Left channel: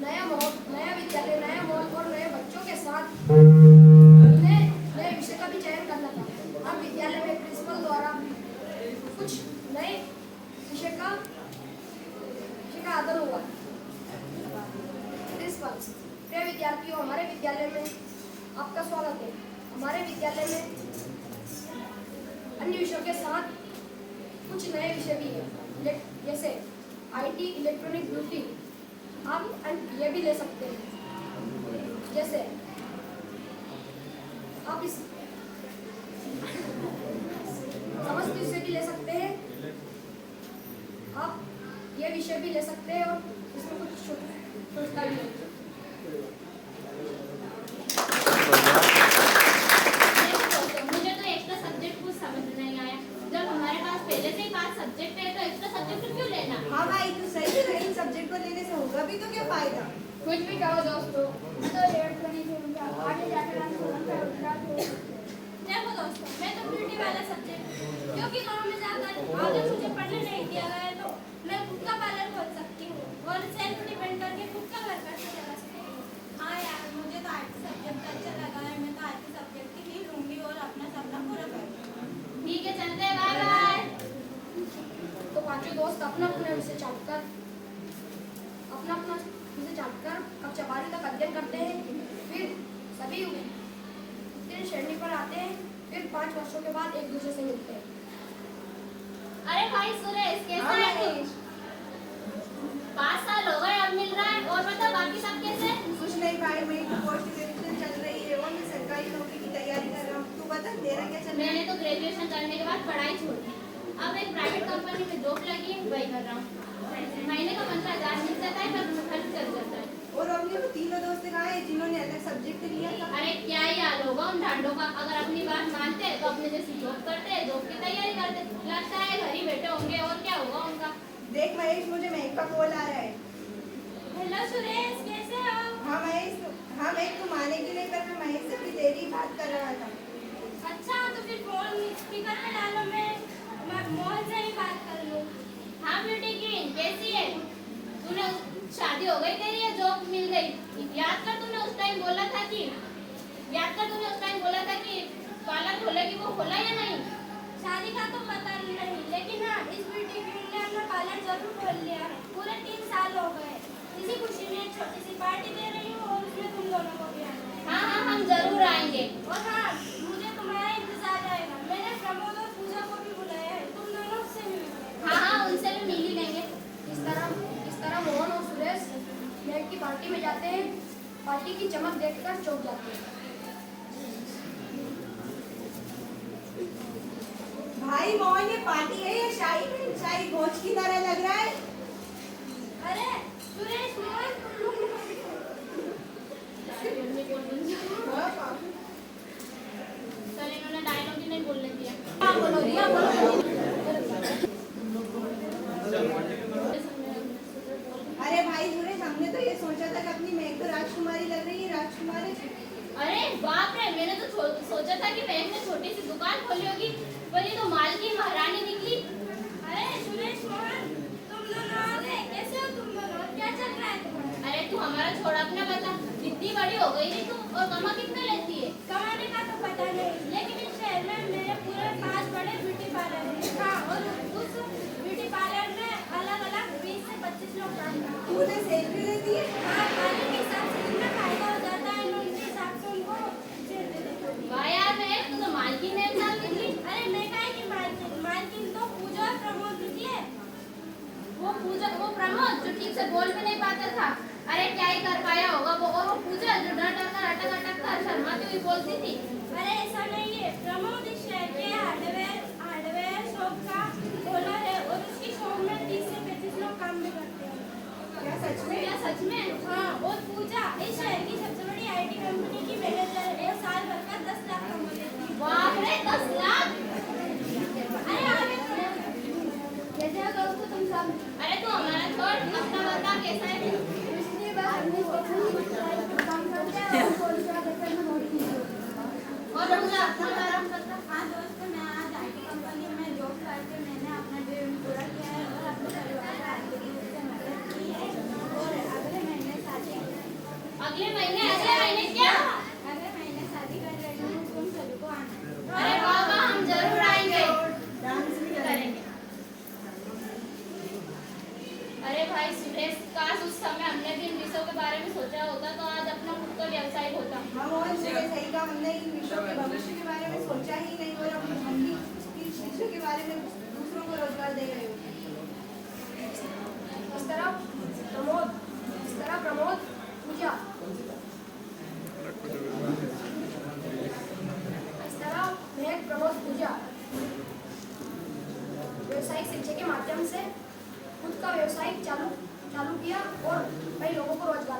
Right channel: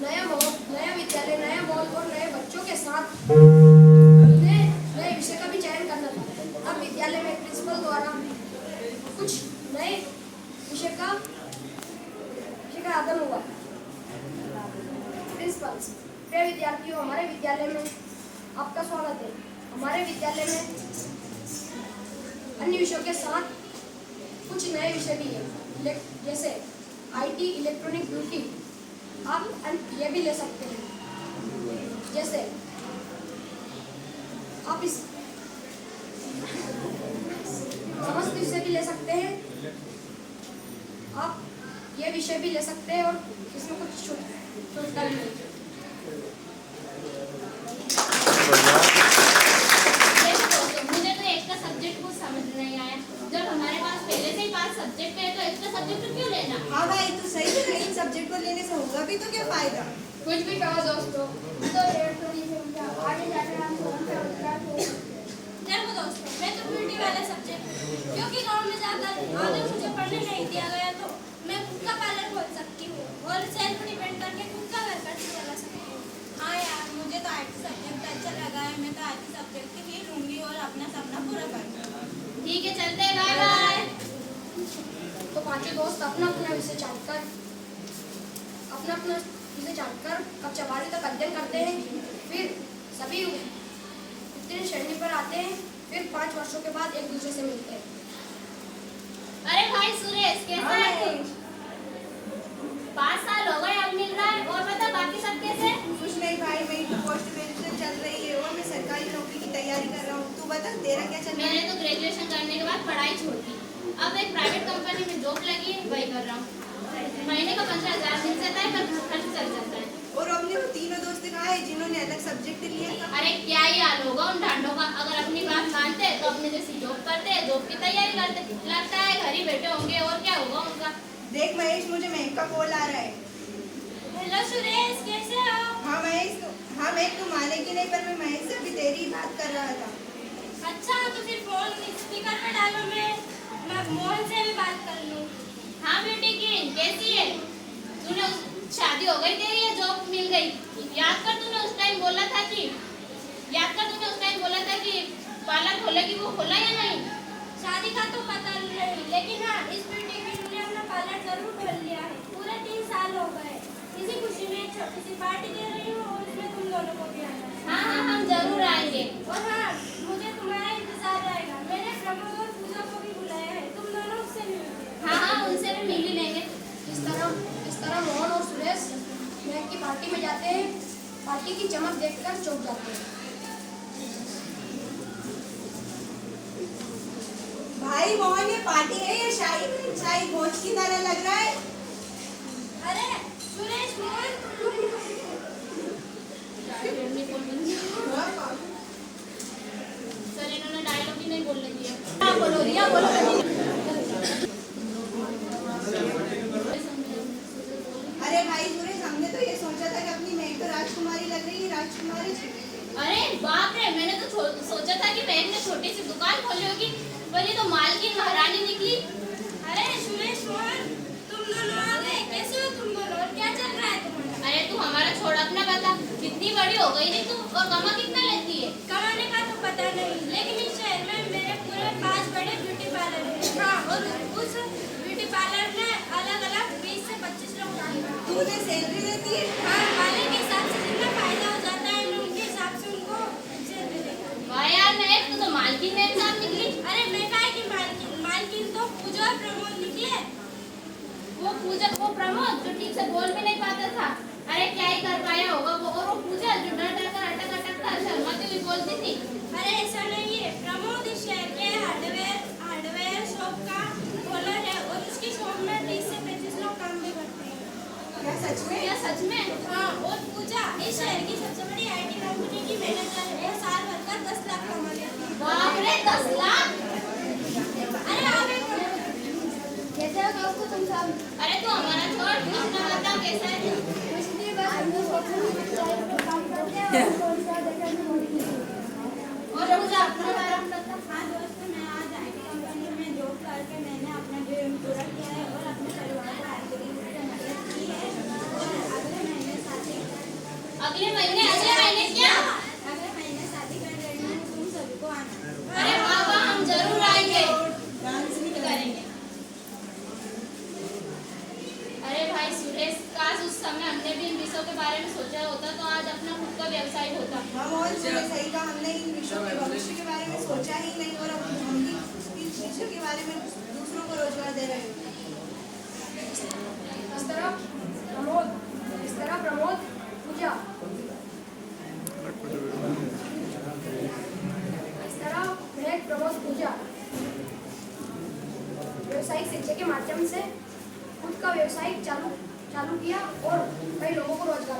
नया माहौल, नया विद्यालय, नया माहौल और नए बच्चों के साथ उन्हें नए विषय का भी चयन करना था। अब विद्यालय में प्रिंसिपल द्वारा कुछ नए विषय का आदर हुआ। प्रिंसिपल, प्रिय विद्यार्थियों, हमारे विद्यालय में आपका स्वागत है। हमारे विद्यालय में अन्य विषयों के साथ कुछ नए विषय भी है, जैसे आईटी, इलेक्ट्रॉनिक, ब्यूटी। आप ये भी ले सकते हैं। जैसे आप इस समस्त विषय भी ले सकते हैं। आप ये विषय भी ले सकते हैं और इसमें कुछ छोटा भी है। मुझे तो एक का सब्जेक्ट कुछ समझ नहीं आया। जब हमारे पास पहले से ही 5 सब्जेक्ट है तो एक्स्ट्रा सब्जेक्ट क्यों लेना? हाँ भाई, तो सही है। इन सब्जेक्ट को लेने से होगा भी तो क्या फायदा? कुछ भी कहो दोस्तों, तो आगे जाकर देखो दोस्तों, मैं तो ब्यूटी वाला सब्जेक्ट क्योंकि गांव में जाकर आगे मुझे पढ़ने नहीं दिया गया तो मैं खुद का पार्लर खोल सकती हूँ और सेल्फ डिपेंड करके खुद का घर खर्च चला सकती हूँ। हाँ यार, मुझे तो आईटी सब्जेक्ट अच्छा लगा है। मैं तो आईटी सब्जेक्ट ही लूंगी और अपना सपना पूरा करूंगी। ठीक है, चलते हैं, बाय बाय। तो पांचों दोस्त अपना अपना विषय छांटकर कक्षा 12 तक अध्ययन करते हैं। फिर सभी उत्तीर्ण श्रेणी पर आते हैं। फिर 5 वर्षों के बाद एक दूसरे से मिलते हैं। अरे भाई सुरेश, कैसा है? 5 साल हो गए, अब मिल रहा है। और बता, बाकी सब कैसे? कुछ नहीं भाई, मेरी तो पोस्ट ग्रेजुएशन चल रही है और मैं सरकारी नौकरी की तैयारी कर रहा हूँ। तू बता, तेरा क्या चल रहा है? मैंने तो ग्रेजुएशन करने के बाद पढ़ाई छोड़ दी। अब एक प्राइवेट कंपनी में जॉब लगी है, वही कर रहा हूँ। महीने का 15,000 मिल जाता है, पर खर्च चल जाता है। और अपने वो तीनों दोस्त कहाँ है जिन्होंने अलग सब्जेक्ट लिया था? अरे क्या ही हाल होगा उन ढांडों का। अगर अपनी बात मानते तो अपने जैसी जॉब करते, जॉब की तैयारी करते। लगता है घर ही बैठे होंगे, और क्या होगा उनका। देख महेश, मुझे महक का कॉल आ रहा है। हेलो सुरेश, कैसे हो? हाँ महेश, हाँ महक, तू मानेगी नहीं पर मैं महेश से भी तेरी ही बात कर रहा था। अच्छा, तो फिर फोन स्पीकर पे डालो, मैं मोहन से भी बात कर लूँ। हाँ ब्यूटी क्वीन, कैसी है? तूने शादी हो गई तेरी या जॉब मिल गई? याद कर तूने उस टाइम बोला था कि पार्लर खोलेगी, वो खोला या नहीं? शादी का तो पता नहीं, लेकिन हाँ, इस ब्यूटी क्वीन ने अपना पार्लर जरूर खोल लिया है। पूरे 3 साल हो गए। इसी खुशी में एक छोटी सी पार्टी दे रही हूँ और उसमें तुम दोनों को भी आना है। हाँ, हम जरूर आएंगे। और हाँ, मुझे तुम्हारा इंतजार रहेगा। मैंने प्रमोद और पूजा को भी बुलाया है, तुम दोनों उससे भी मिलोगे। हाँ, उनसे भी मिल ही लेंगे। इस तरह मोहन और सुरेश महक की पार्टी में जाते हैं। पार्टी की चमक देखकर चौंक जाते हैं। भाई मोहन, ये पार्टी है या शाही भोज की तरह लग रहा है? अरे सुरेश, मोहन, सर इन्होंने डायलॉग ही नहीं बोलने दिया। क्या बोलो रिया, बोलो। अरे भाई सुरेश, हमने तो ये सोचा था कि अपनी महक तो राजकुमारी लग रही है। राजकुमारी अरे बाप रे, मैंने तो सोचा था कि महक ने छोटी सी दुकान खोली होगी, पर ये तो मालकिन महारानी निकली। अरे सुरेश, मोहन, तुम दोनों आ गए। कैसे हो तुम दोनों और क्या चल रहा है तुम्हारा? अरे तू हमारा छोड़, अपना बता। कितनी बड़ी हो गई रे तू, और कमा कितना लेती है? कमाने का तो पता नहीं, लेकिन इस शहर में मेरे पूरे 5 बड़े ब्यूटी पार्लर हैं। हाँ, और उस ब्यूटी पार्लर में अलग-अलग 20 से 25 लोग काम करते हैं। तूने सैलरी देती है? हाँ, पार्लर के हिसाब से जितना फायदा हो जाता है, मैं उनके हिसाब से उनको सैलरी देती हूँ। वाह यार महक, तू तो मालकिन में इंसान निकली। अरे मैं काहे की मालकिन तो पूजा और प्रमोद निकले। वो प्रमोद जो ठीक से बोल भी नहीं पाता था। अरे क्या ही कर पाया होगा वो। और वो पूजा जो डर डर कर अटक कर शर्माती हुई बोलती थी। अरे ऐसा नहीं है, प्रमोद इस शहर के हार्डवेयर शॉप का ओनर है और उसकी शॉप में 30 से 35 लोग काम भी करते हैं। क्या सच में? क्या सच में? हाँ, और पूजा इस शहर की सबसे बड़ी आईटी कंपनी की मैनेजर है और साल भर का 10 लाख कमा लेती है। बाप रे, 10 लाख! अरे आगे कैसे हो दोस्तों तुम सब? अरे तू हमारा छोड़, तू अपना बता कैसा है? इसलिए बस हमने सोचा कि चाय पर काम करते हैं और थोड़ी सा देखकर में बहुत खुशी होती है। और पूजा अपना आराम करता। हाँ दोस्त, मैं आज आईटी कंपनी में जॉब करके मैंने अपना ड्रीम पूरा किया है और अपने परिवार को आर्थिक रूप से मदद की है और अगले महीने 7 अगले महीने क्या? अगले महीने शादी कर रही हूँ, तुम सभी को आना। अरे वाह वाह, हम जरूर आएंगे। डांस भी करेंगे। अरे भाई सुरेश, काश उस समय हमने भी इन विषयों के बारे में सोचा होता तो आज अपना खुद का व्यवसाय होता। हाँ मोहन जी ने सही कहा, हमने इन विषयों के भविष्य के बारे में सोचा ही नहीं और अब हम भी इन विषयों के बारे में दूसरों को रोजगार दे रहे होते। इस तरह प्रमोद, पूजा, इस तरह महक, प्रमोद, पूजा व्यवसायिक शिक्षा के माध्यम से खुद का व्यवसाय चालू किया और कई लोगों को रोजगार